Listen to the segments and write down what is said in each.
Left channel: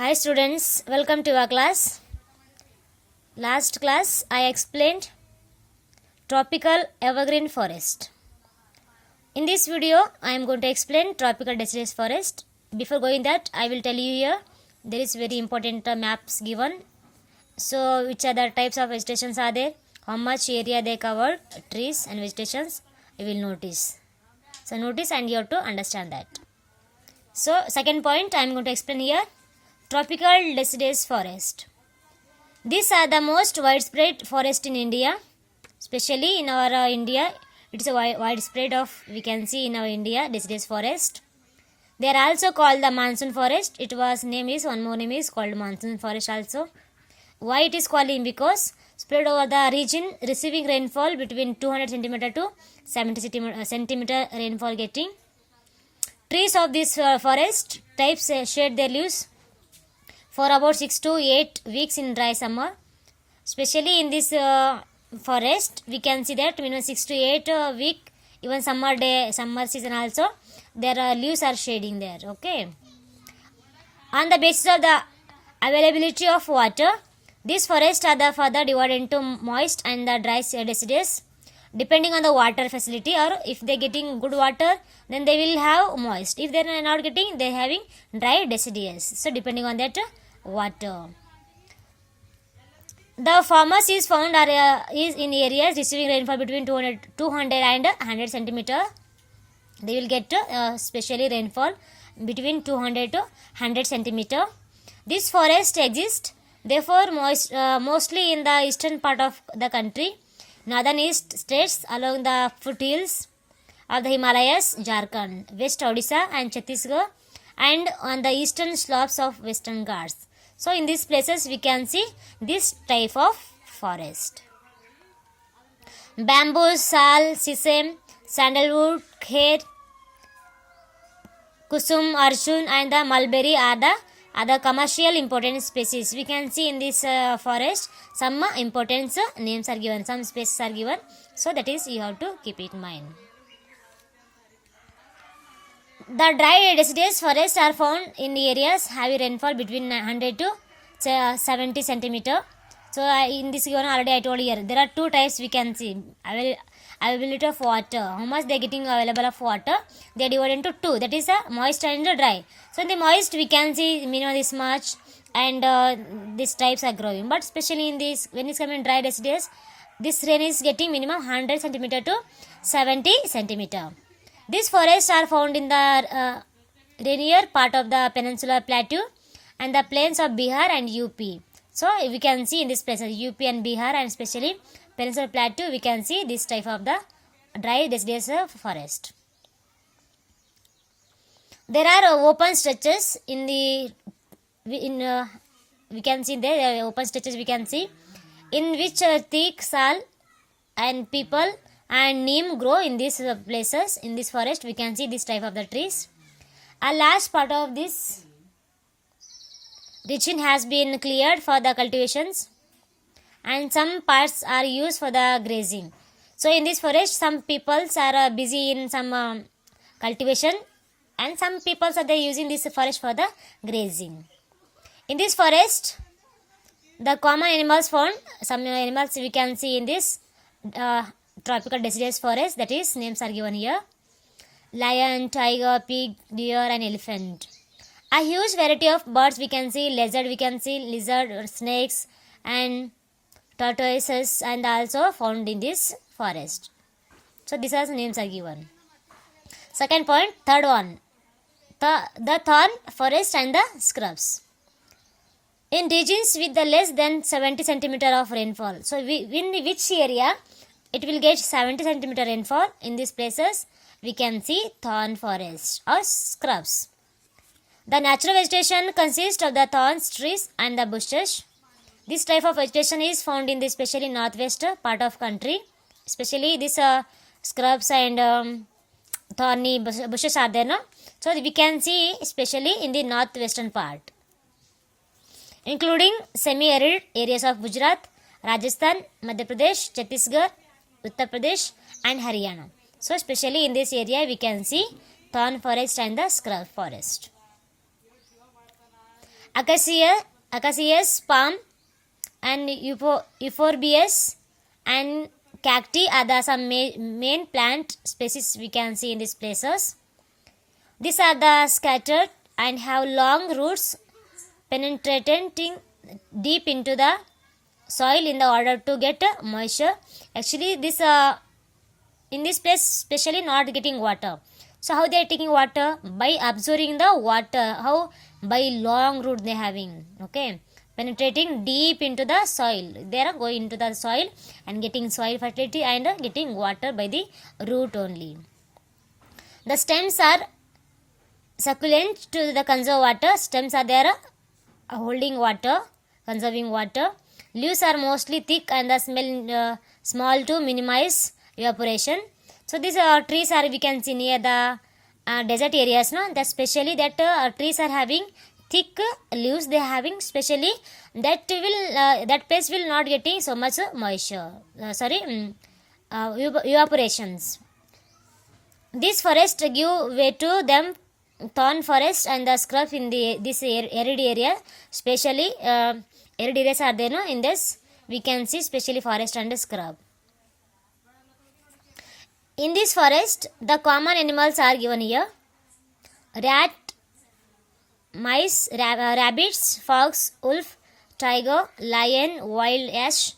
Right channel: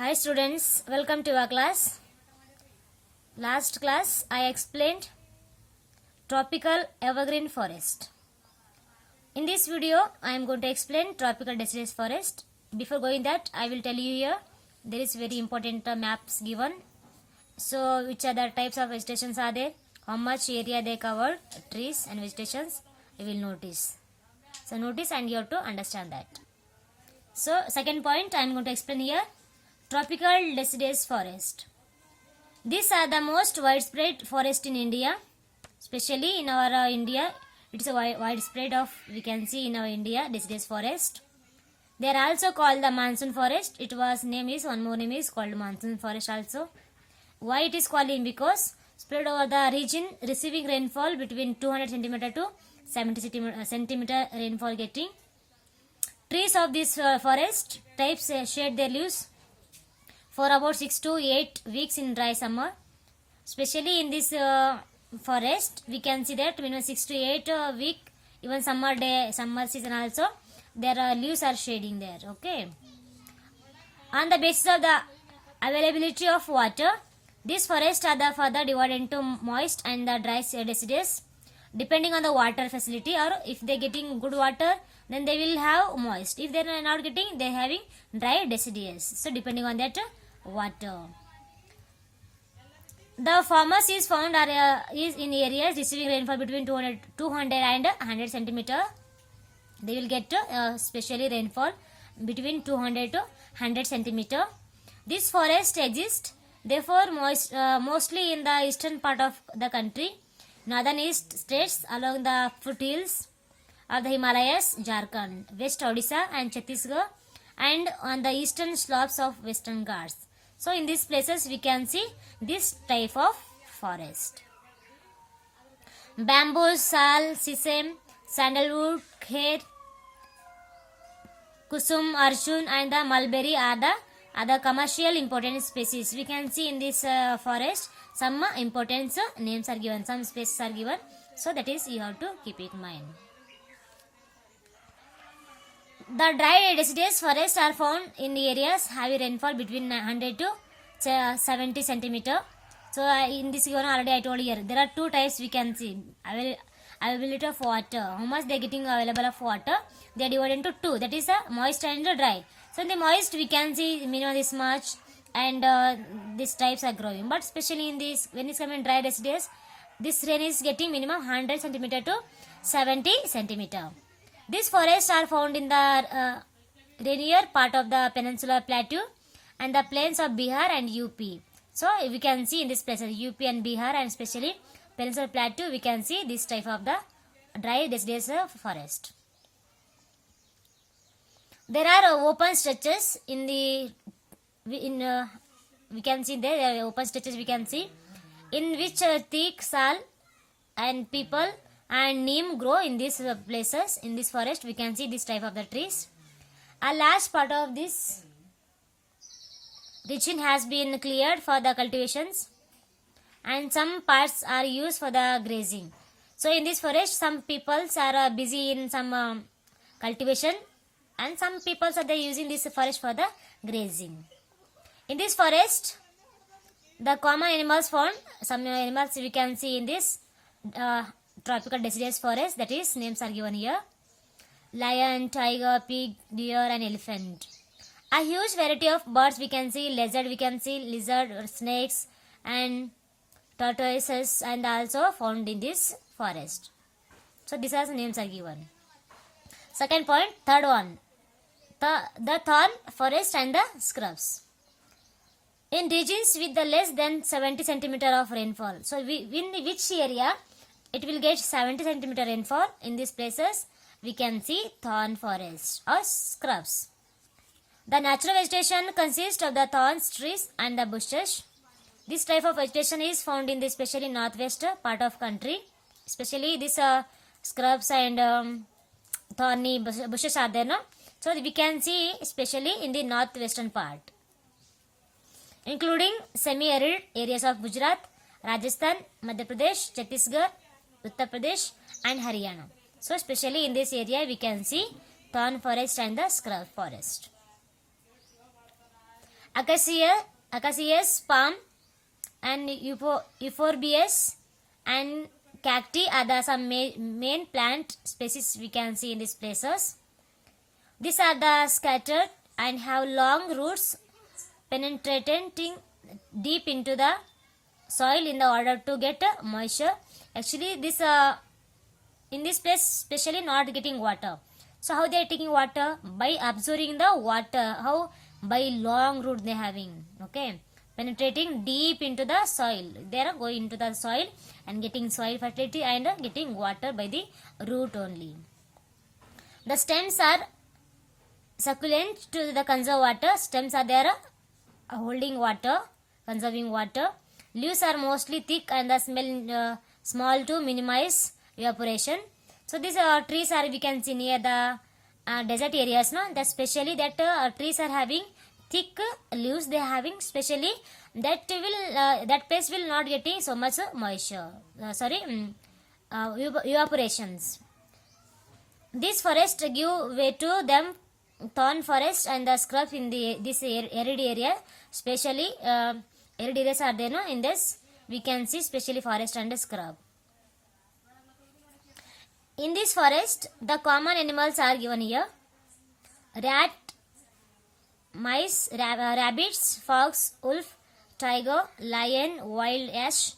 Hi students, welcome to our class. Last class I explained tropical evergreen forest. In this video I am going to explain tropical deciduous forest. Before going that I will tell you here there is very important maps given. So which are the types of vegetations are there, how much area they covered, trees and vegetations you will notice. So notice and you have to understand that. So second point I am going to explain here. Tropical deciduous forest. These are the most widespread forest in India, especially in our India. It is a widespread of we can see in our India deciduous forest. They are also called the monsoon forest. It was name is one more name is called monsoon forest also. Why it is called? Because spread over the region receiving rainfall between 200 centimeter to 70 centimeter rainfall getting. Trees of this forest types shed their leaves for about 6 to 8 weeks in dry summer. Especially in this forest, we can see that minimum 6 to 8 week, even summer season also, their leaves are shading there. Okay. On the basis of the availability of water, these forests are the further divided into moist and the dry deciduous. Depending on the water facility, or if they are getting good water, then they will have moist. If they are not getting, they are having dry deciduous. So depending on that water. The farmers is found is in areas receiving rainfall between 200 and 100 centimeter. They will get especially rainfall between 200 to 100 centimeter. This forest exists therefore mostly in the eastern part of the country, northern east states along the foothills of the Himalayas, Jharkhand, West Odisha and Chhattisgarh, and on the eastern slopes of Western Ghats. So in these places we can see this type of forest. Bamboo, sal, sesame, sandalwood, kher, kusum, arjun and the mulberry are the other commercial important species. We can see in this forest some important names are given, some species are given. So that is you have to keep it in mind. The dry deciduous forests are found in areas having rainfall between 100 to 70 centimeter. So in this given already I told here there are two types we can see. Availability of water, how much they are getting available of water, they are divided into two, that is moist and dry. So in the moist we can see minimum this much and these types are growing, but especially in this when it's coming dry deciduous, this rain is getting minimum 100 centimeter to 70 centimeter. These forests are found in the rainier part of the peninsular plateau and the plains of Bihar and UP. So we can see in this places UP and Bihar and especially peninsular plateau we can see this type of the dry deciduous forest. There are open stretches in the we can see there open stretches we can see in which teak, sal and people and neem grow in these places. In this forest we can see this type of the trees. A large part of this region has been cleared for the cultivations and some parts are used for the grazing. So in this forest some peoples are busy in some cultivation and some peoples are using this forest for the grazing. In this forest the common animals found, some animals we can see in this tropical deciduous forest, that is names are given here: lion, tiger, pig, deer and elephant. A huge variety of birds we can see, lizard, snakes and tortoises and also found in this forest. So these are names are given. Second point, third one, the thorn forest and the scrubs. In regions with the less than 70 centimeter of rainfall, so in which area it will get 70 centimeter rainfall, in these places we can see thorn forest or scrubs. The natural vegetation consists of the thorns, trees and the bushes. This type of vegetation is found in the especially northwest part of country, especially this scrubs and thorny bushes are there, no? So we can see especially in the northwestern part, including semi-arid areas of Gujarat, Rajasthan, Madhya Pradesh, Chhattisgarh, Uttar Pradesh and Haryana. So especially in this area we can see thorn forest and the scrub forest. acacias palm and euphorbias and cacti are the some main plant species we can see in these places. These are the scattered and have long roots penetrating deep into the soil in the order to get moisture. Actually this in this place especially not getting water. So how they are taking water? By absorbing the water. How? By long root they having. Okay, penetrating deep into the soil. They are going into the soil and getting soil fertility and getting water by the root only. The stems are succulent to the conserve water. Stems are there holding water, conserving water. Leaves are mostly thick and the smell small to minimize evaporation. So these trees are we can see near the desert areas, no? That specially that trees are having thick leaves. They are having specially that will that place will not getting so much moisture. Evaporations. This forest give way to them thorn forest and the scrub in the this arid area. Especially arid areas are there, no? In this we can see specially forest and scrub. In this forest, the common animals are given here: rat, mice, rabbits, fox, wolf, tiger, lion, wild ash,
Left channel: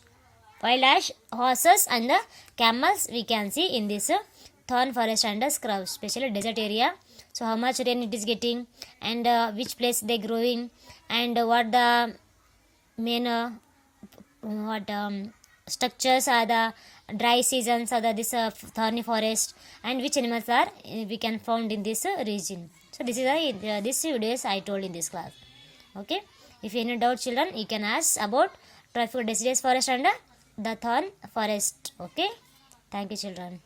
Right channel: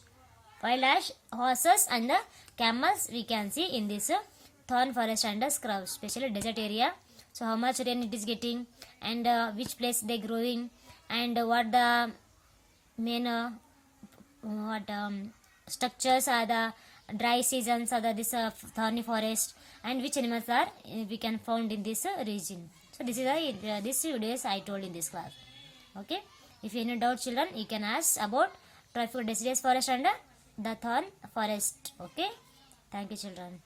horses, and the camels we can see in this thorn forest and scrub, especially desert area. So how much rain it is getting, and which place they growing, and what the main structures are the dry seasons are the this thorny forest, and which animals are we can found in this region. So this is this videos I told in this class. Okay, if any doubt children you can ask about tropical deciduous forest and the thorn forest. Okay, thank you children.